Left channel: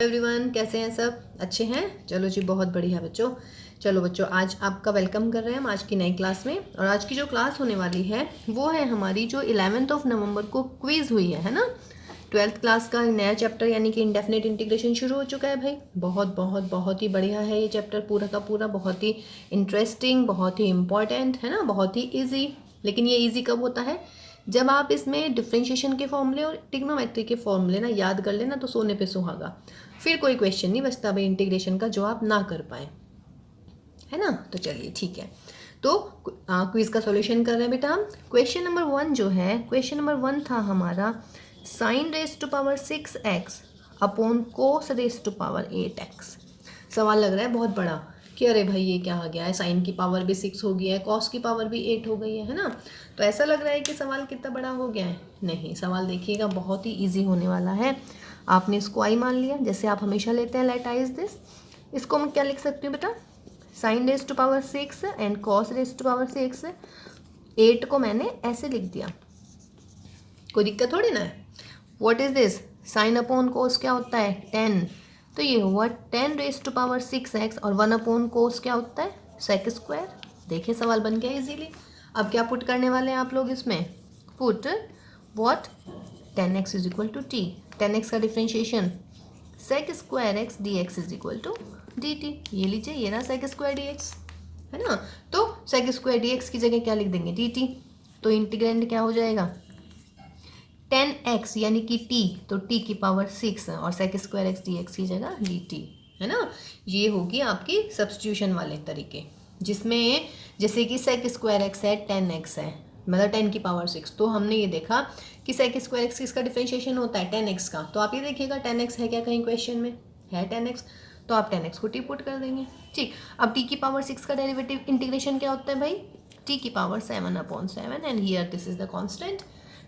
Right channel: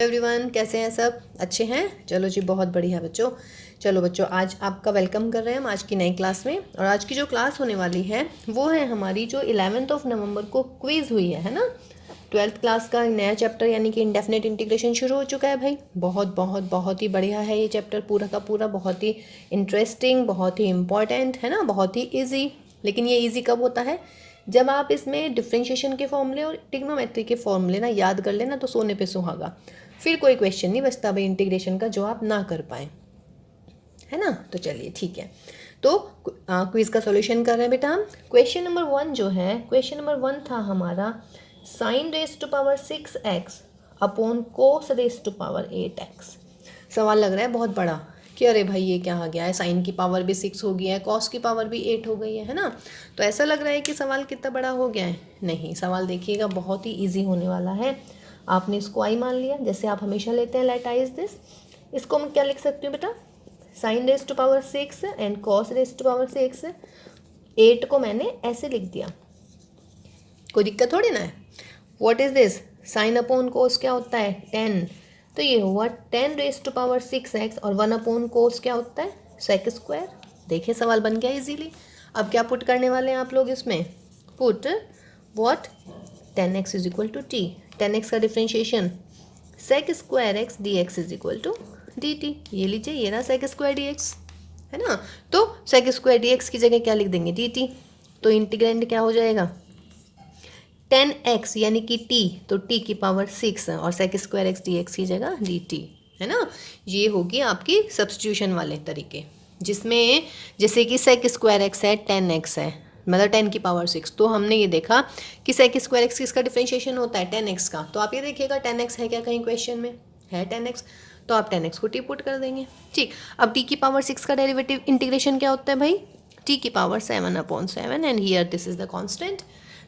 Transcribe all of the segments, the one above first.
Everyone, कैसे हैं सब? अच्छे हैं? चलो जी, बहुत बढ़िया बच्चों। चलो बच्चों, आज आपका वेलकम कर रहे हैं हम आज की नई क्लास में। और आज की जो क्लास होने वाली है वो है हमारी जो 11 नवंबर को क्विज़ हुई है ना। 12th क्लास का नया चैप्टर यानी कि इंडेफिनिट इंटीग्रेशन शुरू हो चुका है भाई। बहुत बहुत बहुत ही बढ़िया है ये चैप्टर, पूरा का पूरा बहुत ही इंटरेस्टिंग, बहुत ही इम्पॉर्टेंट है ना, बहुत ही ईजी। लेकिन ये ईजी कब होता है? जब आप इसमें डिफ्रेंशिएशन के फॉर्मूले और ट्रिग्नोमेट्री के फॉर्मूले ना याद कर लेना तो सोने पे सुहागा। फिर कोई क्वेश्चन नहीं बचता भाई इंटीग्रेशन का जो आप ना कर पाए, है ना। तो चलिए ठीक है। तो क्विज का सॉल्यूशन कर रहे हैं बेटा हम। क्वेश्चन नंबर 1 जो है, क्वेश्चन नंबर 1 था हमारा sine raise to power 6x upon cos raise to power 8x। सवाल लग रहा है बहुत बड़ा कि अरे भाई ये क्या आ गया है, साइन की पावर भी 6 हो गया है, कॉस की पावर भी 8 हो गई है ना। तो ऐसा लग रहा है कि सवाल कितना बड़ा हो गया है। नहीं, सवाल देखिएगा बहुत ही ईजी होने वाला है। आपने इसको आई मान लिया जैसे आप हमेशा लेते हैं, लेट आई इज दिस। इसको मैं क्या लिख सकती हूँ बेटा? Sine raise to power 6 and cos raise to power 6। 8 को मैंने ऐसे लिख दिया, कोई दिक्कत थोड़ी ना है। What is this? Sine upon कोस क्या होता है? 10। तो ये हुआ 10 रेस टू पावर 6x और 1 अपॉन कोस क्या होता है? Sec square. देखिए सवाल बन गया इजीली। अब क्या पुट करने वाले हैं आप लोग इसमें? Put what? 10x is equal to T. 10x का differentiation sec square X D x is equal to D T. ये लीजिए, ये रहा सेक स्क्वायर डी एक्स, है ना। तो सेक स्क्वायर डी एक्स की जगह क्या लिख देंगे? D T. तो इंटीग्रेंड क्या हो जाएगा? 10x यानी कि t, तो t की पावर 6 और sec square X D X की जगह डी टी, है ना। ये होगी आपकी सब्स्टिट्यूशन वाले तरीके, जिसमें जैसे कि सेक स्क्वायर एक्स है 10x है, मतलब 10 की पावर 6। तो हमने ये देखा कि सेक स्क्वायर एक्स किसका डिफ्रेंशिएशन होता है? 10x का। तो आप ये देखिएगा 10x है क्या कहीं क्वेश्चन में? है 10x, तो आप 10x को टी पुट कर देंगे। ठीक, अब t की पावर 6 का डेरिवेटिव इंटीग्रेशन क्या होता है भाई? t की power 7 upon 7 and here this is the constant.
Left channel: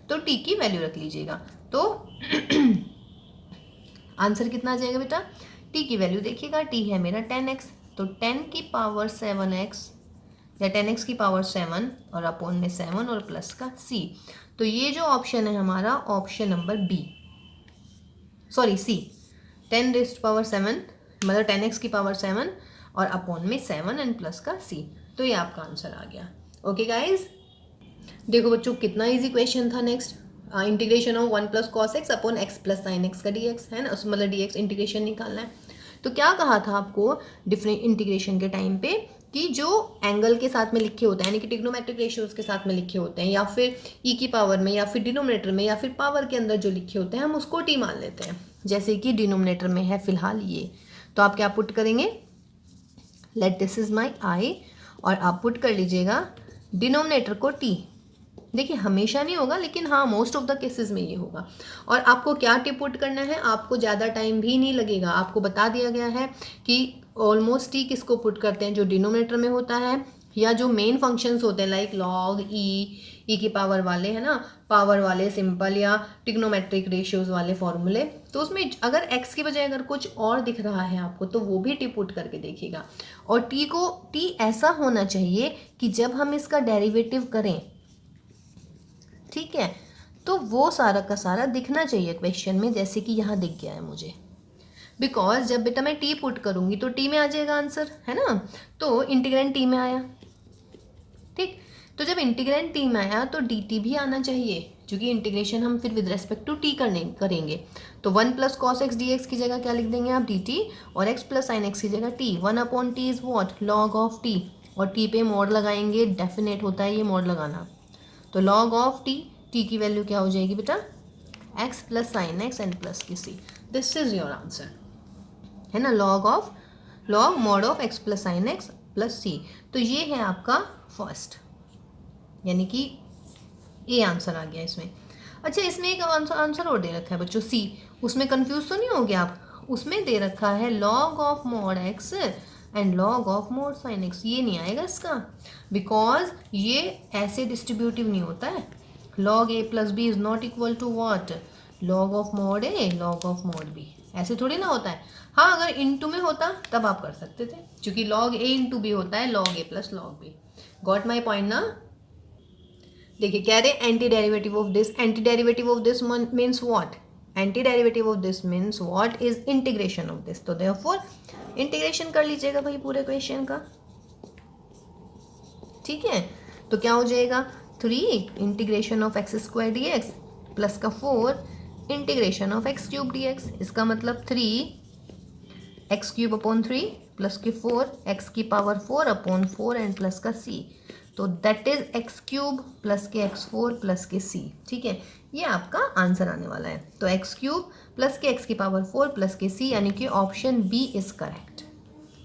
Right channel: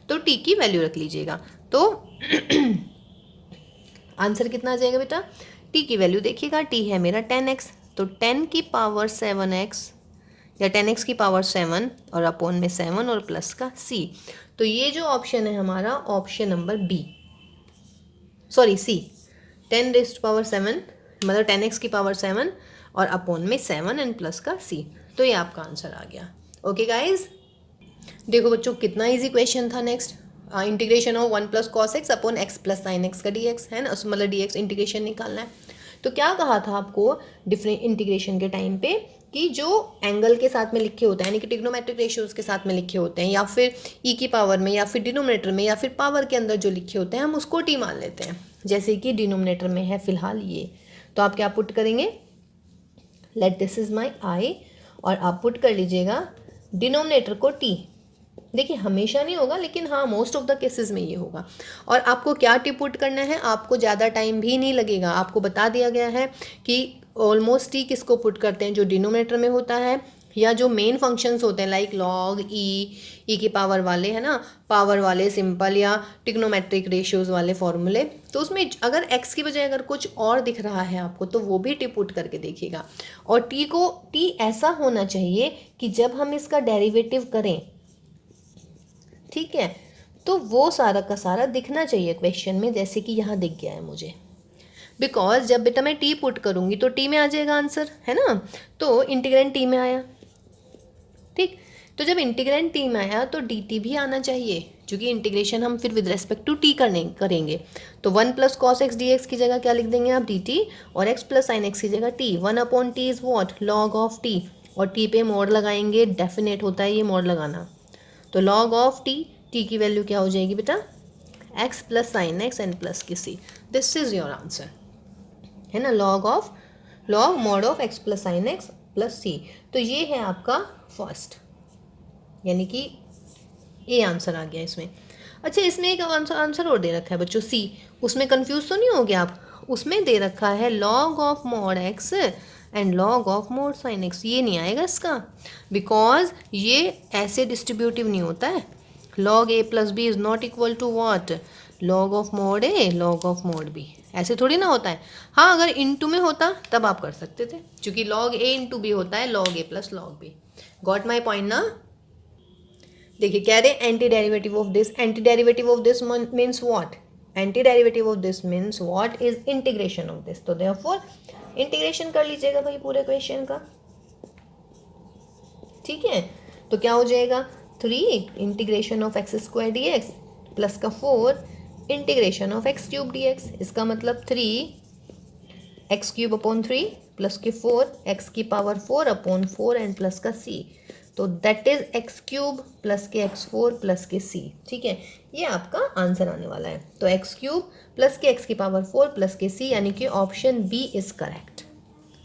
तो t की वैल्यू रख लीजिएगा। तो आंसर कितना आ जाएगा बेटा? t की वैल्यू देखिएगा, t है मेरा 10x, तो 10 की पावर 7x या 10x की पावर 7 और अपॉन में 7 और प्लस का c। तो ये जो ऑप्शन है हमारा, option number B, sorry C, 10 rest power 7 मतलब 10x की पावर 7 और अपॉन में 7 एंड प्लस का c। तो ये आपका आंसर आ गया। ओके गाइज, देखो बच्चों कितना इजी क्वेश्चन था। Next, integration of 1 plus cos x upon x plus sine x का डी एक्स, है ना, मतलब डी एक्स इंटीग्रेशन निकालना है। तो क्या कहा था आपको डिफरेंट इंटीग्रेशन के टाइम पे कि जो एंगल के साथ में लिखे होते हैं यानी कि ट्रिग्नोमेट्रिक रेशियोज के साथ में लिखे होते हैं, या फिर ई की पावर में, या फिर डिनोमिनेटर में, या फिर पावर के अंदर जो लिखे होते हैं हम उसको टी मान लेते हैं। जैसे कि डिनोमिनेटर में है फिलहाल ये, तो आप क्या पुट करेंगे? लेट दिस इज माई आई, और आप पुट कर लीजिएगा डिनोमिनेटर को टी। देखिए हमेशा नहीं होगा, लेकिन हाँ मोस्ट ऑफ द केसेस में ये होगा। और आपको क्या टी पुट करना है, आपको ज़्यादा टाइम भी नहीं लगेगा। आपको बता दिया गया है कि ऑलमोस्ट टी किसको पुट करते हैं? जो डिनोमिनेटर में होता है या जो मेन फंक्शंस होते हैं लाइक लॉग, ई की पावर वाले, है ना, पावर वाले, सिंपल या टिग्नोमेट्रिक रेशियोज वाले फॉर्मूले। तो उसमें अगर एक्स की बजाय अगर कुछ और दिख रहा है आपको तो वो भी टी पुट करके देखिएगा। और टी ऐसा होना चाहिए कि जब हम इसका डेरिवेटिव करें, ठीक है, तो वो सारा का सारा दिखना चाहिए क्वेश्चन में, जैसे कि यहाँ दिख गया है मुझे। बिकॉज जब बेटा मैं टी पुट करूँगी तो टी में आ जाएगा आंसर, है ना। तो इंटीग्रेंड टी में आया, ठीक। तो जब इंटीग्रेंड टी में आया तो डी टी भी आना चाहिए, क्योंकि इंटीग्रेशन हम फिर विद रेस्पेक्ट टू टी करेंगे। तो 1 plus cos x D X की जगह क्या लिख देंगे आप? डी टी, और एक्स प्लस साइन एक्स की जगह T. 1 upon T is what? Log of T, और टी पे मोड लगाएंगे, डेफिनेट होता है ये मोड लगाना। तो लॉग ऑफ टी, टी की वैल्यू क्या हो जाएगी बेटा? X plus sine x and plus की सी। दिस इज योर आंसर, है ना। Log mod of x plus sine x plus C. तो ये है आपका फर्स्ट, यानी कि ए आंसर आ गया इसमें। अच्छा, इसमें एक आंसर और दे रखा है बच्चों, सी। उसमें कंफ्यूज तो नहीं हो गया आप? उसमें दे रखा है log of mod x and log of mod sine x. ये नहीं आएगा इसका, बिकॉज ये ऐसे डिस्ट्रीब्यूटिव नहीं होता है। Log A plus B is not equal to what? Log of mod A log of mod B. ऐसे थोड़ी ना होता है। हाँ, अगर इंटू में होता तब आप कर सकते थे, क्योंकि लॉग ए इंटू बी होता है log A plus log B. Got my point ना? देखिए कह रहे anti derivative of this, anti derivative of this means what? Anti derivative of this means what is integration of this. तो therefore integration कर लीजिएगा भाई पूरे क्वेश्चन का, ठीक है। तो क्या हो जाएगा 3 integration of x square D x plus का 4 integration of x cube D x. इसका मतलब 3 एक्स क्यूब अपॉन 3 प्लस के 4 एक्स की पावर 4 अपॉन 4 एंड प्लस का सी। तो that is x cube plus के एक्स 4 प्लस के सी, ठीक है। ये आपका आंसर आने वाला है। तो एक्स क्यूब प्लस के एक्स की पावर 4 प्लस के सी, यानी कि ऑप्शन बी इज करेक्ट,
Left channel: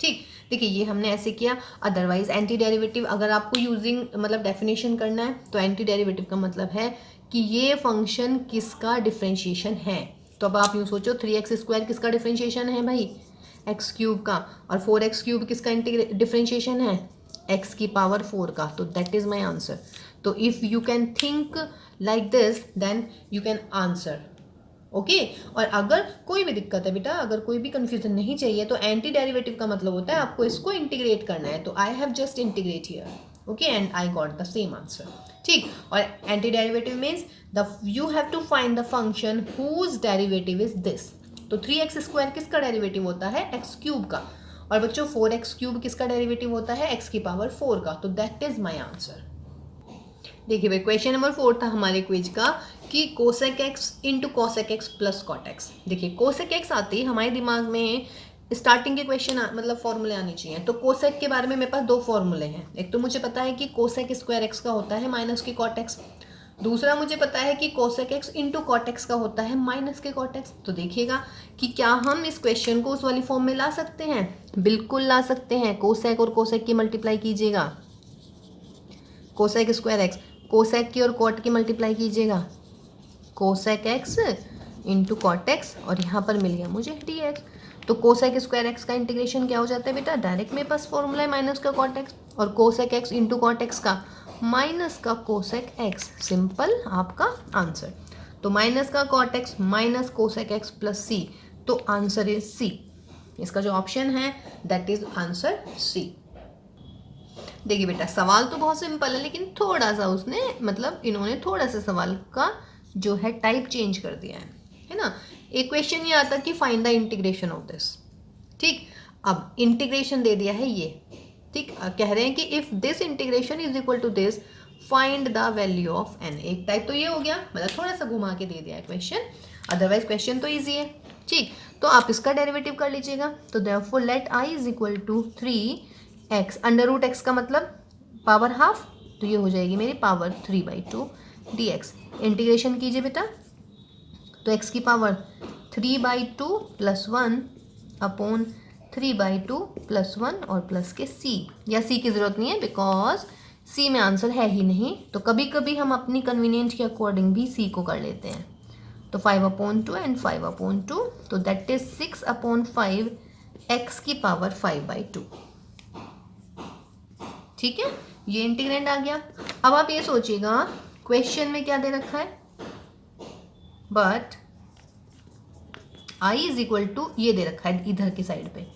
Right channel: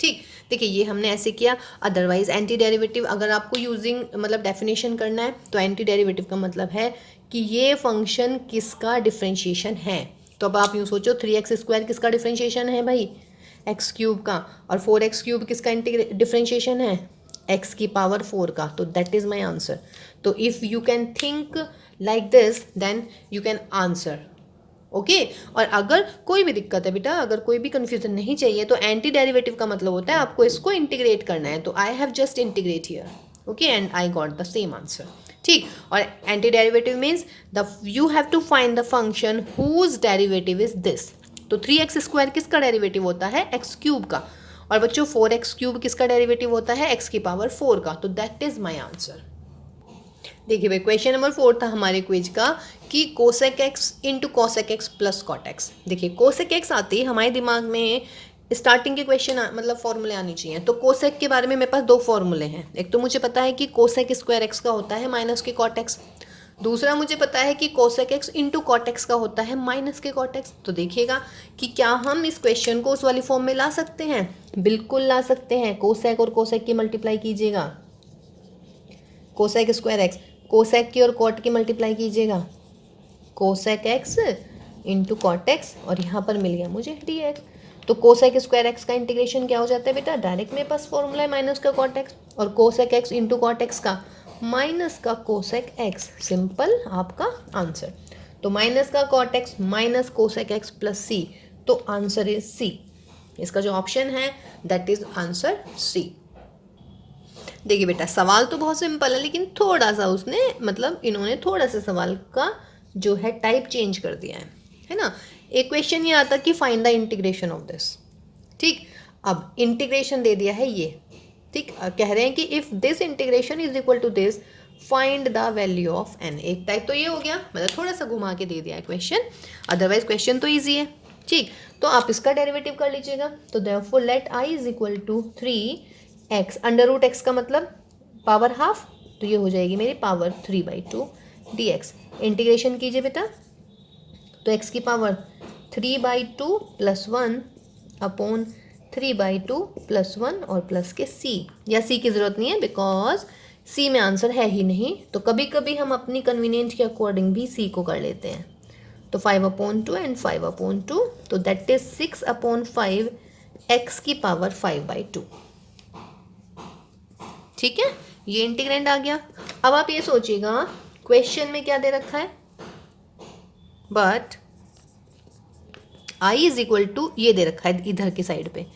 ठीक। देखिए ये हमने ऐसे किया। अदरवाइज एंटी डेरिवेटिव अगर आपको यूजिंग मतलब डेफिनेशन करना है तो एंटी डेरिवेटिव का मतलब है कि ये फंक्शन किसका डिफरेंशिएशन है। तो अब आप यूँ सोचो 3x² किसका डिफरेंशिएशन है भाई, एक्स क्यूब का, और 4x क्यूब किसका डिफरेंशिएशन है, एक्स की पावर 4 का। तो दैट इज माई आंसर। तो if you can think like this then you can answer, okay. और अगर कोई भी दिक्कत है बेटा, अगर कोई भी कंफ्यूजन नहीं चाहिए, तो एंटी डेरिवेटिव का मतलब होता है आपको इसको इंटीग्रेट करना है। तो I have just integrate here, okay, and I got the same answer, ठीक। और anti derivative means the you have to find the function whose derivative is this. तो 3x² किसका डेरिवेटिव होता है, एक्स क्यूब का। और बच्चों 4x क्यूब किसका डेरिवेटिव होता है, एक्स की पावर 4 का। तो दैट इज माई आंसर। देखिए भाई क्वेश्चन नंबर 4 था हमारे क्विज का कि cosec x into cosec x plus cot x. देखिए कोसेक एक्स आते ही हमारे दिमाग में स्टार्टिंग के क्वेश्चन मतलब फॉर्मूले आने चाहिए। तो कोसेक के बारे में मेरे पास 2 फॉर्मूले हैं। एक तो मुझे पता है कि कोसेक स्क्वायर एक्स का होता है माइनस के कॉट एक्स। दूसरा मुझे पता है कि cosec x into cot x का होता है माइनस के कॉट एक्स। तो देखिएगा कि क्या हम इस क्वेश्चन को उस वाली फॉर्म में ला सकते हैं, बिल्कुल ला सकते हैं। कोसेक और कोसेक की मल्टीप्लाई कीजिएगा, कोसेक स्क्वायर एक्स, कोसेक की और कॉट की मल्टीप्लाई कीजिएगा, cosec x into cot x, और यहाँ पर मिल गया मुझे डी एक्स। तो कोसेक स्क्वायर एक्स का इंटीग्रेशन क्या हो जाता है बेटा, डायरेक्ट मेरे पास फॉर्मूला है माइनस का कॉट एक्स, और cosec x into cot x का माइनस का कोसेक एक्स, सिंपल आपका आंसर। तो माइनस का cot x minus cosec x plus C, तो आंसर इज सी। इसका जो ऑप्शन है दैट इज आंसर सी। देखिए बेटा सवाल तो बहुत सिंपल है, लेकिन थोड़ा सा उसने मतलब इन्होंने थोड़ा सा सवाल का जो है टाइप चेंज कर दिया है ना। एक क्वेश्चन ये आता कि find the integration of this, ठीक। अब इंटीग्रेशन दे दिया है ये, ठीक। कह रहे हैं कि if this integration is equal to this find the value of n। एक टाइप तो ये हो गया, मतलब थोड़ा सा घुमा के दे दिया है क्वेश्चन, अदरवाइज क्वेश्चन तो ईजी है, ठीक। तो आप इसका डेरिवेटिव कर लीजिएगा। तो therefore let i is equal to 3x, under root x का मतलब पावर हाफ, तो ये हो जाएगी मेरी पावर 3/2 dx। इंटीग्रेशन कीजिए बेटा, तो x की पावर 3/2 प्लस 1 अपॉन 3/2 प्लस 1 और प्लस के c, या c की ज़रूरत नहीं है बिकॉज c में आंसर है ही नहीं। तो कभी कभी हम अपनी कन्वीनियंट के अकॉर्डिंग भी c को कर लेते हैं। तो 5/2 एंड 5/2, तो दैट इज 6/5 x की पावर 5/2, ठीक है। ये इंटीग्रेंड आ गया। अब आप ये सोचिएगा क्वेश्चन में क्या दे रखा है, but i is equal to ये दे रखा है इधर की साइड पे,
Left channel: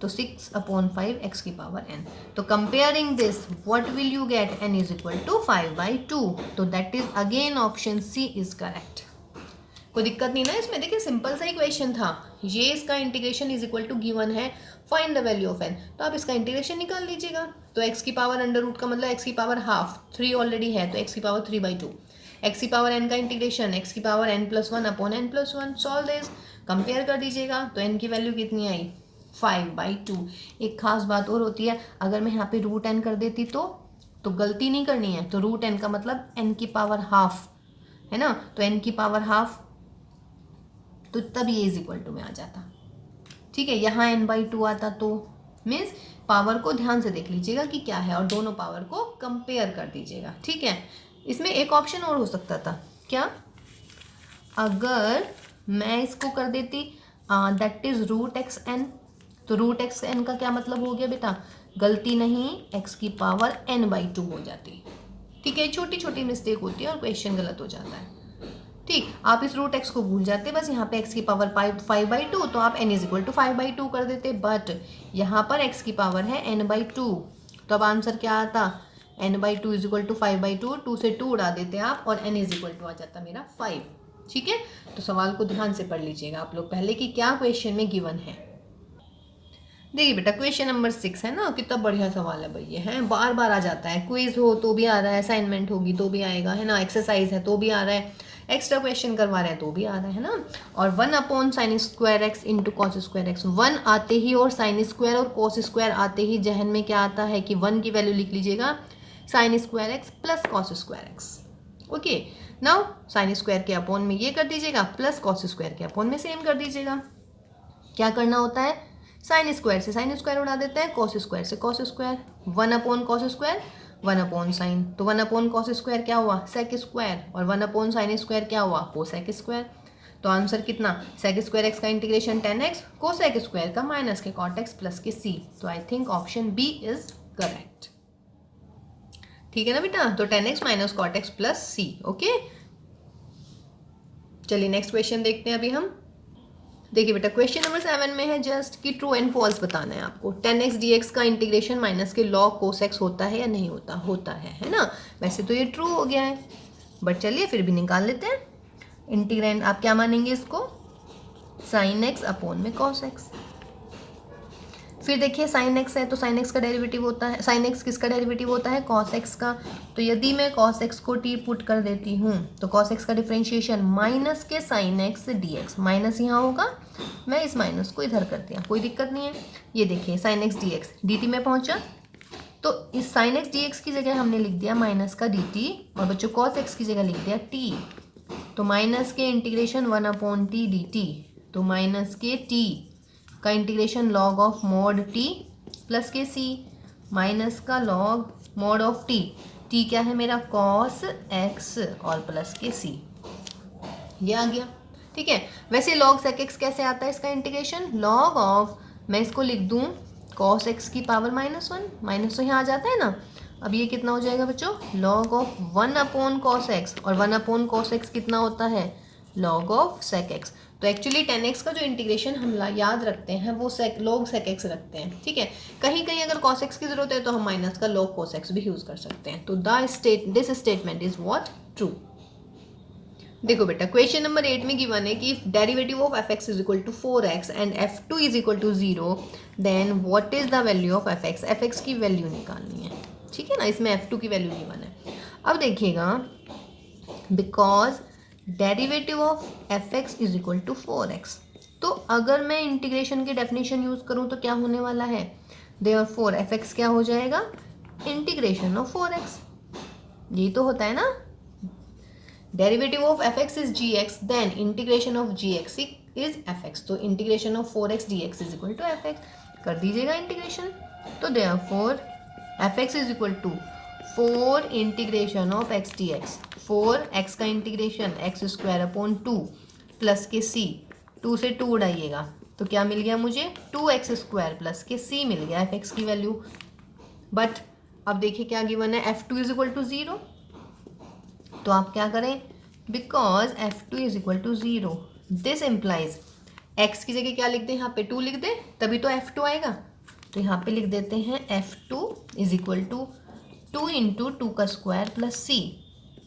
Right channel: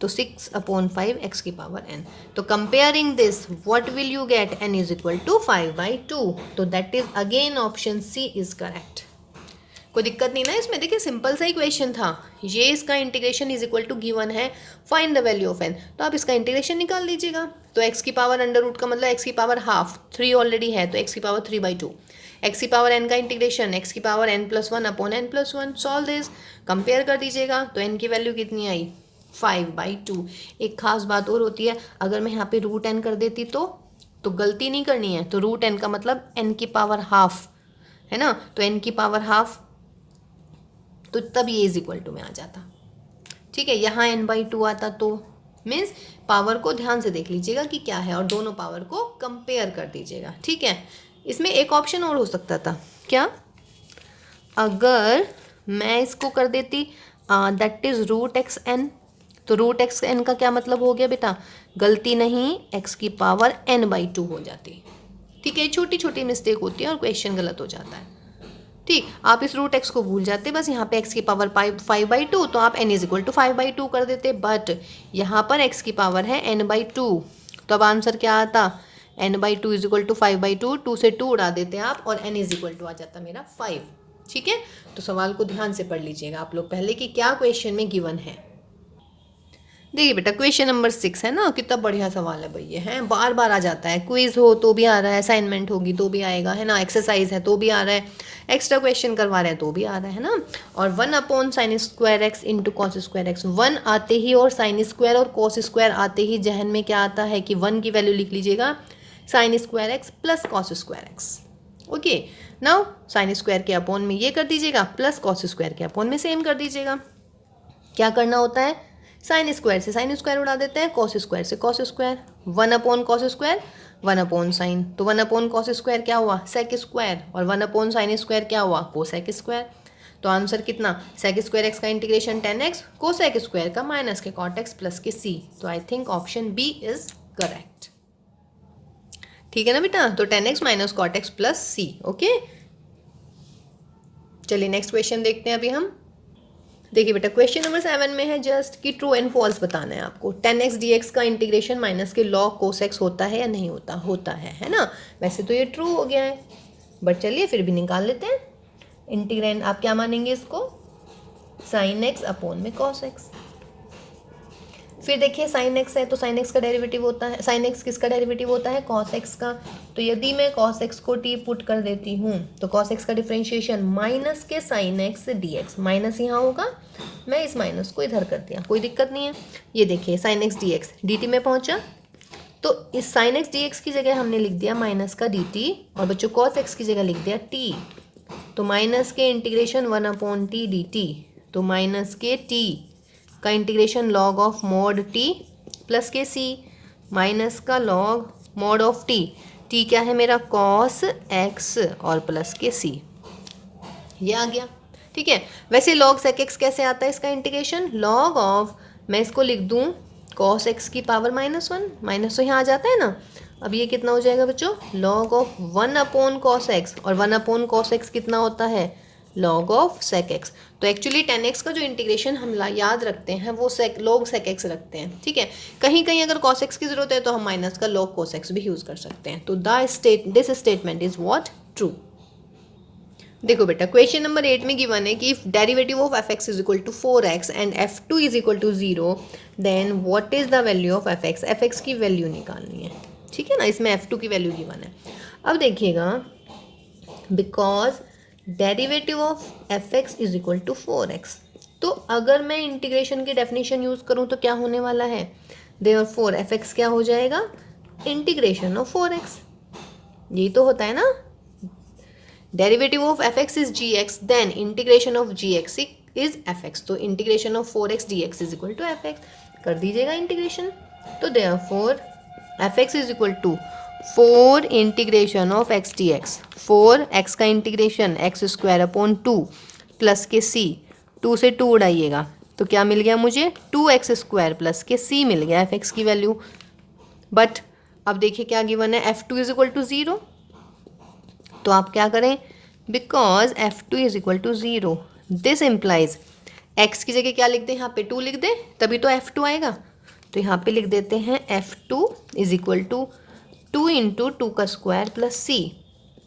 तो 6/5 x की पावर n। तो comparing this what will you get, n is equal to 5/2। तो that is again option C is correct. कोई दिक्कत नहीं ना इसमें, देखिए सिंपल सा ही क्वेश्चन था। ये इसका integration is equal to given है, find the value of n। तो आप इसका इंटीग्रेशन निकाल लीजिएगा। तो x की पावर अंडर रूट का मतलब x की पावर हाफ, 3 ऑलरेडी है तो x की पावर 3/2, x की पावर n का इंटीग्रेशन x की power n+1 upon n+1। Solve this, compare कर दीजिएगा। तो n की वैल्यू कितनी आई, 5/2। एक खास बात और होती है, अगर मैं यहाँ पे रूट n कर देती तो गलती नहीं करनी है। तो रूट n का मतलब n की पावर हाफ है ना, तो n की पावर हाफ, तो तब ये इज इक्वल टू में आ जाता, ठीक है। यहाँ n/2 आता तो मीन्स पावर को ध्यान से देख लीजिएगा कि क्या है, और दोनों पावर को कंपेयर कर दीजिएगा, ठीक है। इसमें एक ऑप्शन और हो सकता था, क्या, अगर मैं इसको कर देती दैट इज √xn। तो √xn का क्या मतलब हो गया बेटा, गलती नहीं, x की पावर n/2 हो जाती, ठीक है। छोटी छोटी मिस्टेक होती है और क्वेश्चन गलत हो जाता है, ठीक। आप इस √x को भूल जाते, बस यहाँ पे x की पावर 5/2, तो आप n इज इक्वल टू 5/2 कर देते, बट यहाँ पर x की पावर है n/2। तो अब आंसर क्या आता, n/2 इज इक्वल टू 5/2, 2 से 2 उड़ा देते आप और n इज इक्वल टू आ जाता मेरा 5, ठीक है, तो सवाल को ध्यान से पढ़ लीजिएगा आप लोग पहले कि क्या क्वेश्चन में गिवन है। देखिए बेटा क्वेश्चन नंबर 6 है ना, कितना बढ़िया सवाल है भाई ये, है बार बार आ जाता है, क्विज हो तो भी आ रहा है, असाइनमेंट होगी तो भी आएगा, है ना, एक्सरसाइज है तो भी आ रहा है, एक्स्ट्रा क्वेश्चन करवा रहे हैं तो भी आ रहा है ना। और 1/sin² इंटू cos²x, 1 आते ही और sin² और cos² आते ही जहन में क्या आता है कि 1 की वैल्यू लिख लीजिएगा sin² plus cos²x। Okay, now sin² के अपॉन में ये कर दीजिएगा प्लस cos² के अपॉन में सेम कर दीजिएगा। क्या करना होता है, sin² से sin² उड़ा देते हैं, cos² से cos², 1/cos², 1/sin, तो 1/cos² क्या हुआ sec² और 1/sin² क्या हुआ cosec²। तो आंसर कितना sec²x का इंटीग्रेशन 10x, cosec² का माइनस के cot x प्लस के c। तो I think option B is correct. ठीक है ना बेटा, तो 10x minus cot x plus c। Okay, चलिए नेक्स्ट क्वेश्चन देखते हैं अभी हम। देखिए बेटा क्वेश्चन नंबर 7 में है जस्ट कि ट्रू एंड फॉल्स बताना है आपको। 10x dx का इंटीग्रेशन माइनस के log cos x होता है या नहीं होता, होता है ना। वैसे तो ये ट्रू हो गया है, बट चलिए फिर भी निकाल लेते हैं। इंटीग्रेंड आप क्या मानेंगे इसको, sin x अपॉन में cos x। फिर देखिए sin x है तो sin x का डेरिवेटिव होता है, sin x किसका डेरिवेटिव होता है cos x का। तो यदि मैं cos x को t पुट कर देती हूँ तो cos x का डिफरेंशिएशन माइनस के sin x dx, माइनस यहाँ होगा, मैं इस माइनस को इधर कर दिया, कोई दिक्कत नहीं है। ये देखिए sin x dx dt में पहुँचा, तो इस sin x dx की जगह हमने लिख दिया माइनस का dt, और बच्चों cos x की जगह लिख दिया t। तो माइनस के इंटीग्रेशन 1/t dt, तो माइनस के t का integration log of mod T plus के सी, माइनस का log mod of T, T क्या है मेरा कॉस एक्स और प्लस के सी, ये आ गया। ठीक है, वैसे लॉग सेक एक्स कैसे आता है इसका इंटीग्रेशन, लॉग ऑफ, मैं इसको लिख दूँ कॉस एक्स की पावर -1, माइनस तो यहाँ आ जाता है ना। अब ये कितना हो जाएगा बच्चों, लॉग ऑफ 1/cos x, और 1/cos x कितना होता है log ऑफ sec x। तो एक्चुअली 10x का जो इंटीग्रेशन हम याद रखते हैं वो log sec x रखते हैं। ठीक है, कहीं कहीं अगर cos x की जरूरत है तो हम माइनस का log cos x भी यूज कर सकते हैं। तो this statement is what, true. देखो बेटा क्वेश्चन नंबर 8 में गिवन है कि derivative of fx is equal to 4x and f2 is equal to 0, then what is the value of fx की वैल्यू निकालनी है। ठीक है ना, इसमें f2 की वैल्यू गिवन है। अब देखिएगा, because derivative of fx is equal to 4x, तो अगर मैं इंटीग्रेशन की डेफिनेशन यूज करूं तो क्या होने वाला है, देयरफॉर fx क्या हो जाएगा, इंटीग्रेशन ऑफ 4x। यही तो होता है ना, derivative of fx is gx, then integration of gx is fx, तो integration of 4x dx is equal to fx। कर दीजिएगा इंटीग्रेशन, तो therefore fx is equal to 4 integration of x dx, 4 x का इंटीग्रेशन x² अपॉन 2 प्लस के c, 2 से 2 उड़ाइएगा तो क्या मिल गया मुझे 2x² प्लस के c मिल गया fx की वैल्यू। बट अब देखिए क्या गिवन है, f2 इज इक्वल टू 0, तो आप क्या करें, because f2 is equal to 0, this implies x की जगह क्या लिख दें, यहाँ पे 2 लिख दें तभी तो f2 आएगा। तो यहाँ पे लिख देते हैं f2 is equal to 2 into 2 का स्क्वायर प्लस c,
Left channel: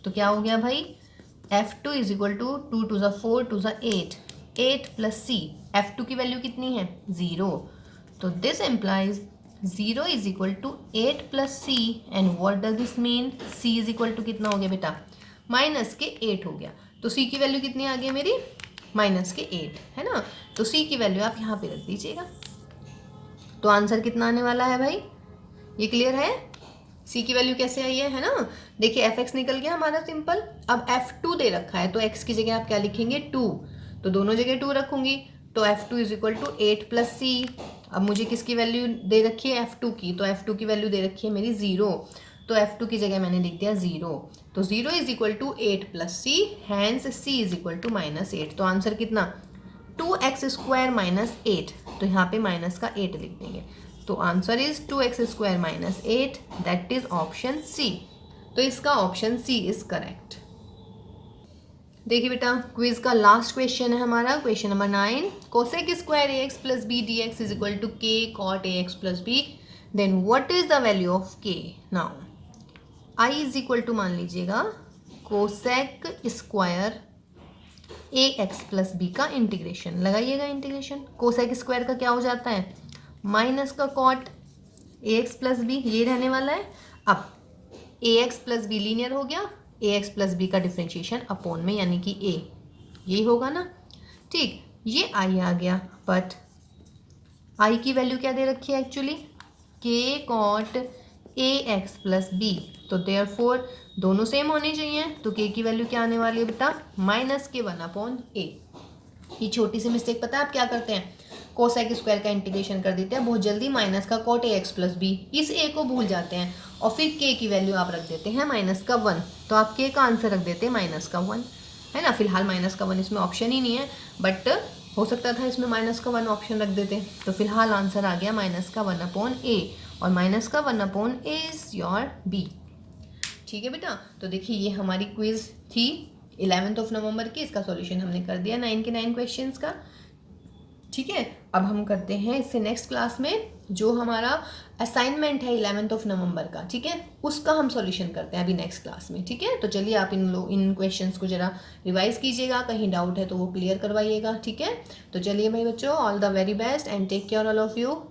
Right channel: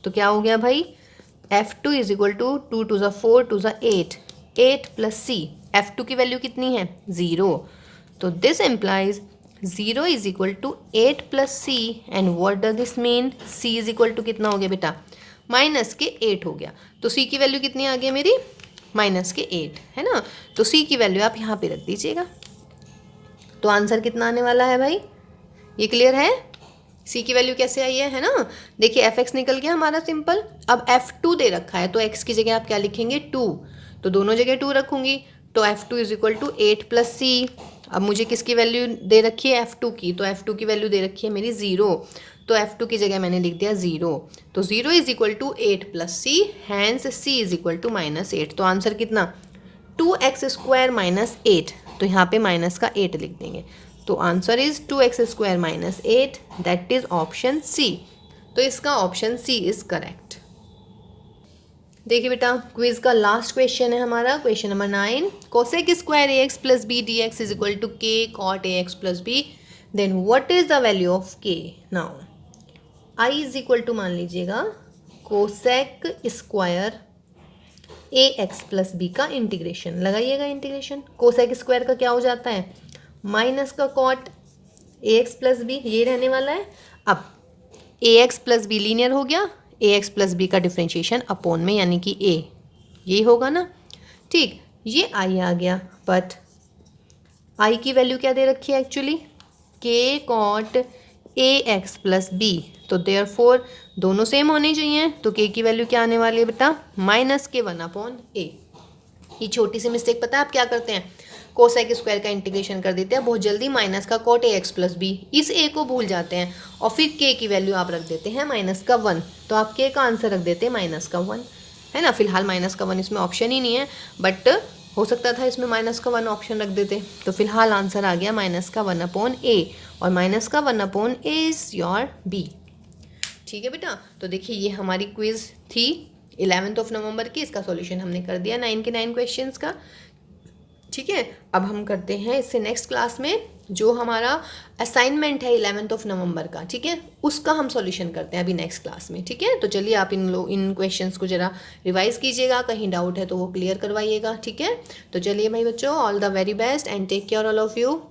तो क्या हो गया भाई, f2 is equal to 2 to ज़ा 4 टू ज़ा 8, 8 प्लस c, f2 की वैल्यू कितनी है 0, तो this implies 0 is equal to 8 plus c, and what does this mean, c is equal to कितना हो गया बेटा, माइनस के 8 हो गया। तो c की वैल्यू कितनी आ गई मेरी, माइनस के 8, है ना। तो c की वैल्यू आप यहाँ पे रख दीजिएगा, तो आंसर कितना आने वाला है भाई, ये क्लियर है, c की वैल्यू कैसे आई है ना। देखिए fx निकल गया हमारा सिंपल, अब f2 दे रखा है तो x की जगह आप क्या लिखेंगे 2, तो दोनों जगह 2 रखूंगी, तो f2 is equal to 8 plus c। अब मुझे किसकी वैल्यू दे रखी है f2 की, तो f2 की वैल्यू दे रखी है मेरी 0, तो f2 की जगह मैंने लिख दिया 0, तो 0 is equal to 8 plus c, hence c is equal to -8। तो आंसर कितना 2x² माइनस 8, तो यहाँ पे माइनस का 8 लिख देंगे, तो answer is 2x² minus 8, that is option C. तो इसका ऑप्शन सी इज करेक्ट। देखिए बेटा क्विज का लास्ट क्वेश्चन है हमारा, question number 9, cosec square ax plus B D x is equal to K cot ax plus B, then what is the value of K. Now I is equal to मान लीजिएगा cosec square A x plus B का integration लगाइएगा। Integration cosec square का क्या हो जाता है, minus का कॉट ए एक्स प्लस बी, ये रहने वाला है। अब A x plus B linear हो गया, ए एक्स प्लस बी का डिफ्रेंशिएशन अपॉन में यानी कि ए, यही होगा ना। ठीक, ये आई आ गया, बट आई की वैल्यू क्या दे रखी है एक्चुअली, के कॉट ए एक्स प्लस बी, तो देयरफॉर दोनों सेम होने चाहिए, तो के की वैल्यू क्या आने वाली है बेटा, माइनस के 1/a। ये छोटी सी मिस्टेक पता है आप क्या करते हैं, कोसेक स्क्वायर का इंटीग्रेशन कर देते हैं बहुत जल्दी, माइनस का कॉट ए एक्स प्लस बी, इस ए को भूल जाते हैं और फिर के की वैल्यू आप रख देते हैं माइनस का 1, तो आप के का आंसर रख देते हैं माइनस का 1, है ना। फिलहाल माइनस का 1 इसमें ऑप्शन ही नहीं है, बट हो सकता था इसमें माइनस का 1 ऑप्शन रख देते, तो फिलहाल आंसर आ गया माइनस का 1/a, और माइनस का 1/a इज योर बी। ठीक है बेटा, तो देखिए ये हमारी क्विज थी 11 नवंबर की, इसका सॉल्यूशन हमने कर दिया 9 के 9 क्वेश्चंस का। ठीक है, अब हम करते हैं इससे नेक्स्ट क्लास में जो हमारा असाइनमेंट है 11 नवंबर का, ठीक है, उसका हम सॉल्यूशन करते हैं अभी नेक्स्ट क्लास में। ठीक है, तो चलिए आप इन क्वेश्चंस को जरा रिवाइज कीजिएगा, कहीं डाउट है तो वो क्लियर करवाइएगा। ठीक है, तो चलिए भाई बच्चों, all the very best and take care all of you.